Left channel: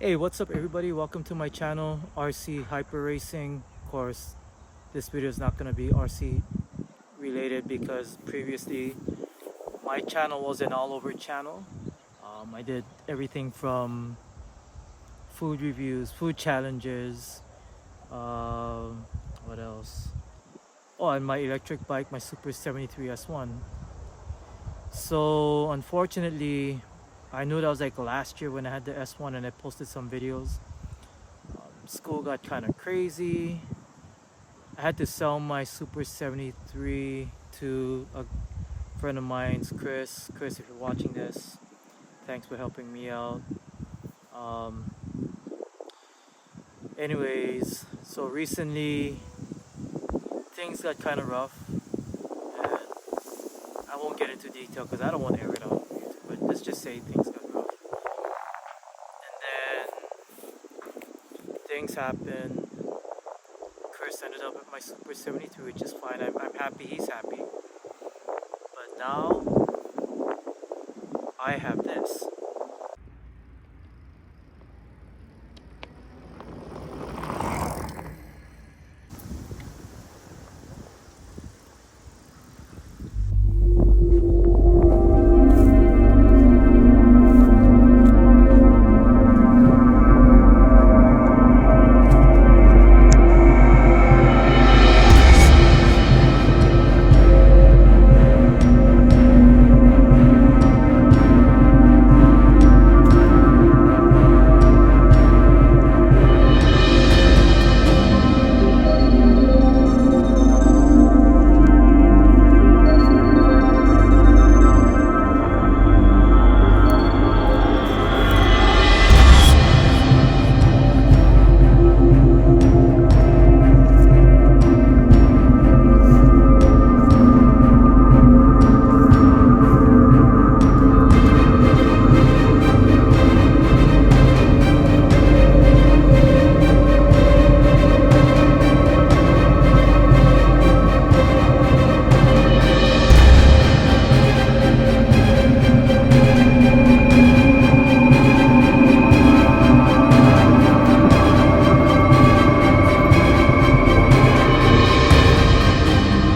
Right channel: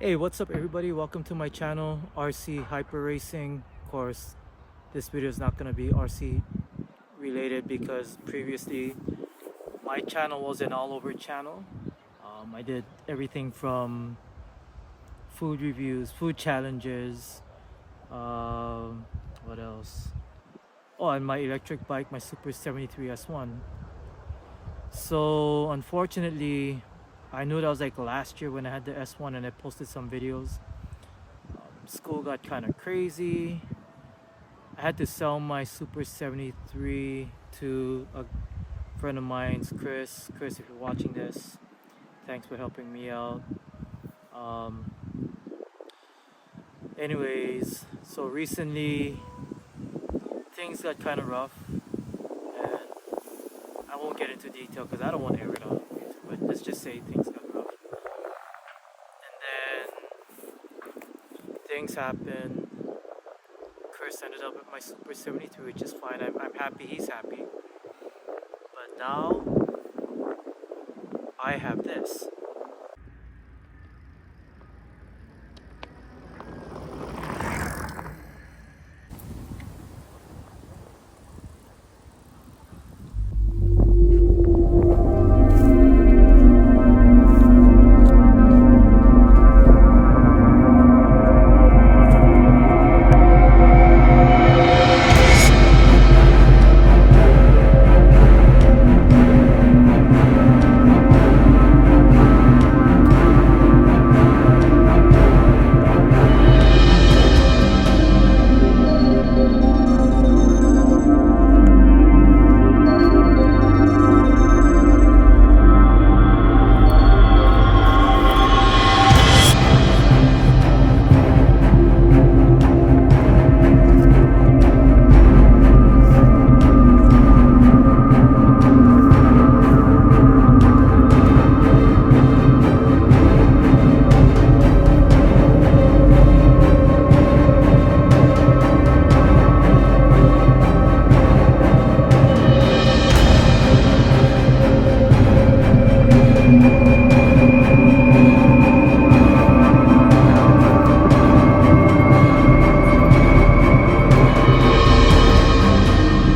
Hey, what's up everybody? Welcome to my channel, RC Hyper Racing. Of course, this video is not going to be RC related because previously my channel was an all over channel. I did everything from food reviews, food challenges, what else? Oh, and my electric bike, my Super 73 S1. So unfortunately, I knew that was like last year when I had the S1 and I posted some videos. School got kind of crazy. I had to sell my Super 73 to a friend of mine's, Chris. Chris, if you're watching this, thanks for helping me out. Um, Anyways, so recently things got kind of rough, and I won't get into detail because I don't want to air it out on YouTube, but let's just say things got rough. And then things happened. Chris ended up with my Super 73, which is fine. I'm happy he's happy. But now I have this.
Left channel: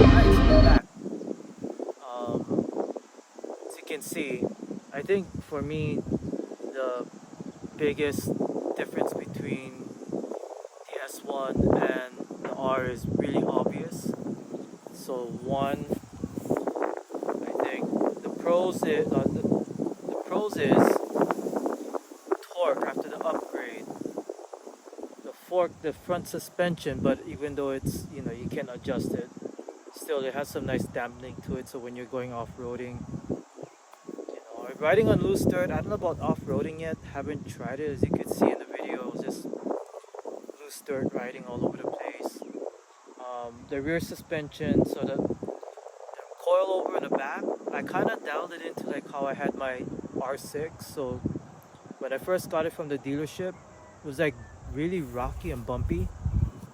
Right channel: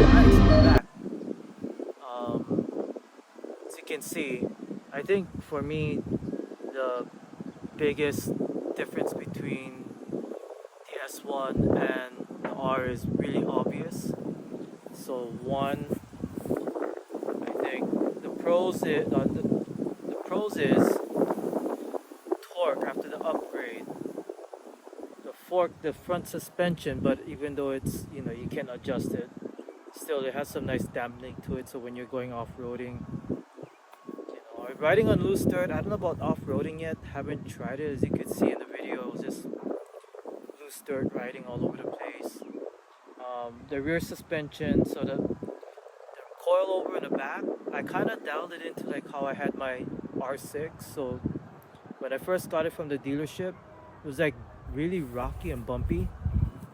Alright, so we're back. As you can see, I think for me the biggest difference between the S1 and the R is really obvious. So one, I think the pros is torque after the upgrade. The front suspension, but even though it's you can adjust it, still it has some nice dampening to it. So when you're going off-roading, or riding on loose dirt, I don't know about off-roading yet. Haven't tried it. As you can see in the video, it was just loose dirt riding all over the place. The rear suspension, so the coilover in the back, I kind of dialed it into like how I had my R6. So when I first got it from the dealership, it was like really rocky and bumpy,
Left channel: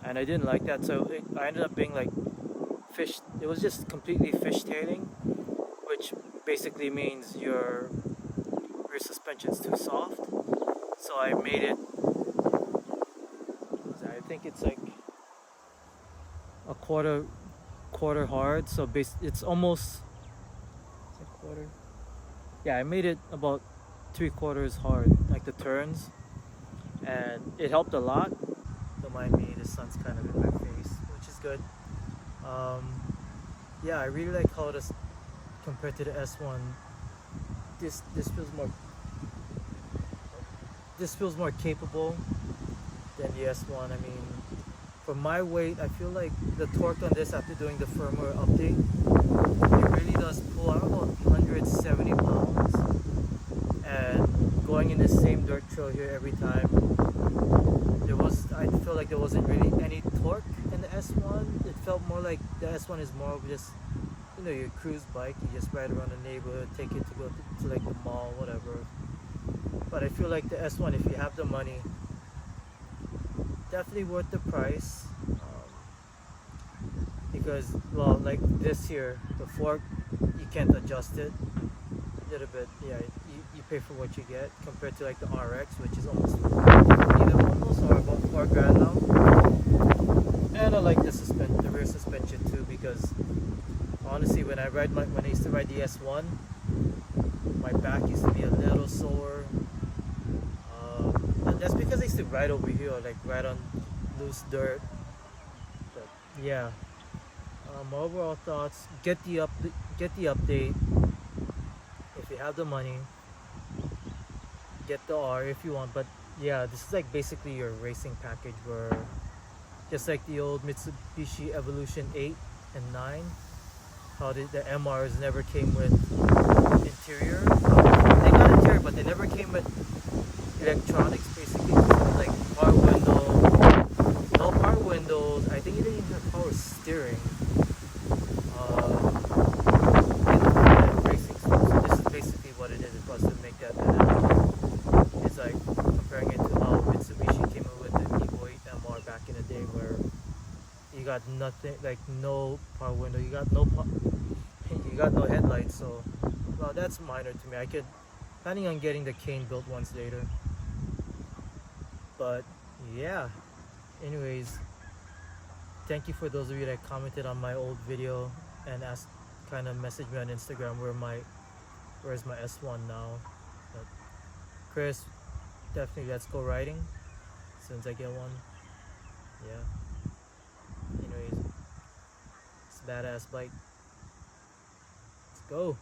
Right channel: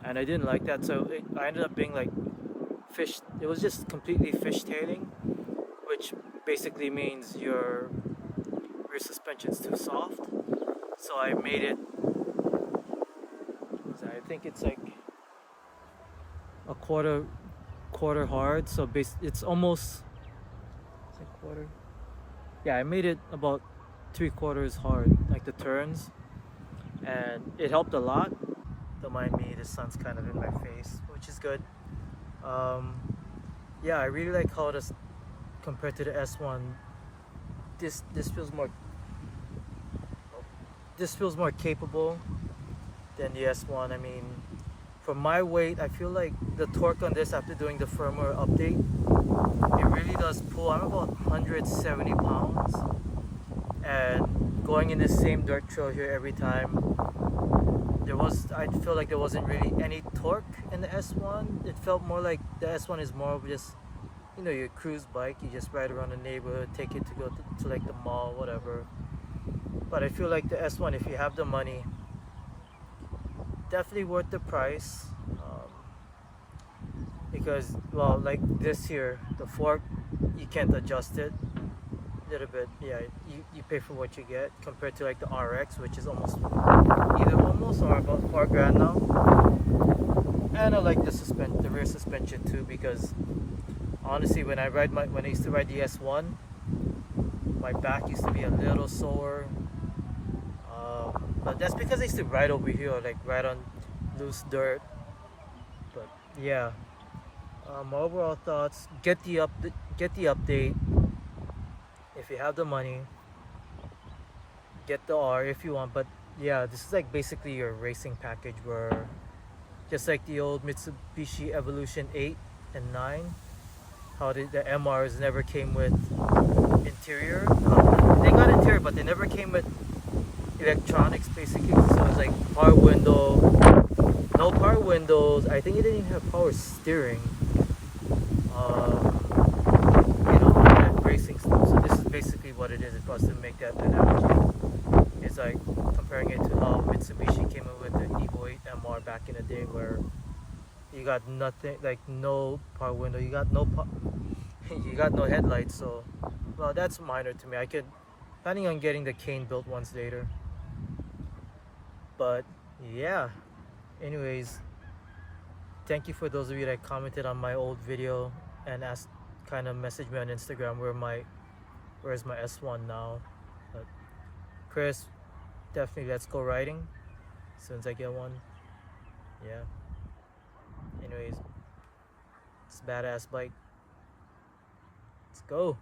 and I didn't like that. So I ended up being like fish. It was just completely fishtailing, which basically means your rear suspension's too soft. So I made it. I think it's like a quarter hard. So it's almost. Is it quarter? Yeah, I made it about 3/4 hard, like the turns, and it helped a lot. Don't mind me, the sun's kind of in my face, which is good. Yeah, I really like how this compared to the S1. This feels more capable than the S1. I mean, for my weight, I feel like the torque on this after doing the firmware update, it really does pull. I'm about 170 pounds, and going in the same dirt trail here every time, I feel like there wasn't really any torque in the S1. It felt more like the S1 is more of just your cruise bike. You just ride around the neighborhood, take it to go to like the mall, whatever. But I feel like the S1, if you have the money, definitely worth the price. Because, well, like this here, the fork, you can't adjust it. little bit, yeah, you pay for what you get compared to like the RX, which is almost either almost or about 4 grand now. And I like the rear suspension too, because honestly, when I used to ride the S1, my back used to be a little sore. But that's because I used to ride over here, like ride on loose dirt. But yeah, my overall thoughts: get the update if you have the money. Get the R if you want. But yeah, this is like basically your racing package, where just like the old Mitsubishi Evolution 8 and 9, how the MRs never came with interior. They got interior, but they never came with electronics basically. So it was like power window, no power windows. I think it didn't even have power steering. And racing stuff. So this is basically what it is. It was to make that analogy. It's like comparing it to how Mitsubishi came in with the Evo 8 MR back in the day, where you got nothing, like no power window, you got you got no headlights. So well, that's minor to me. I could planning on getting the cane built once later. But yeah, anyways, thank you for those of you that commented on my old video and asked, kind of messaged me on Instagram where's my S1 now. But Chris, definitely let's go riding as soon as I get one. Yeah, anyways, it's a badass bike. Let's go.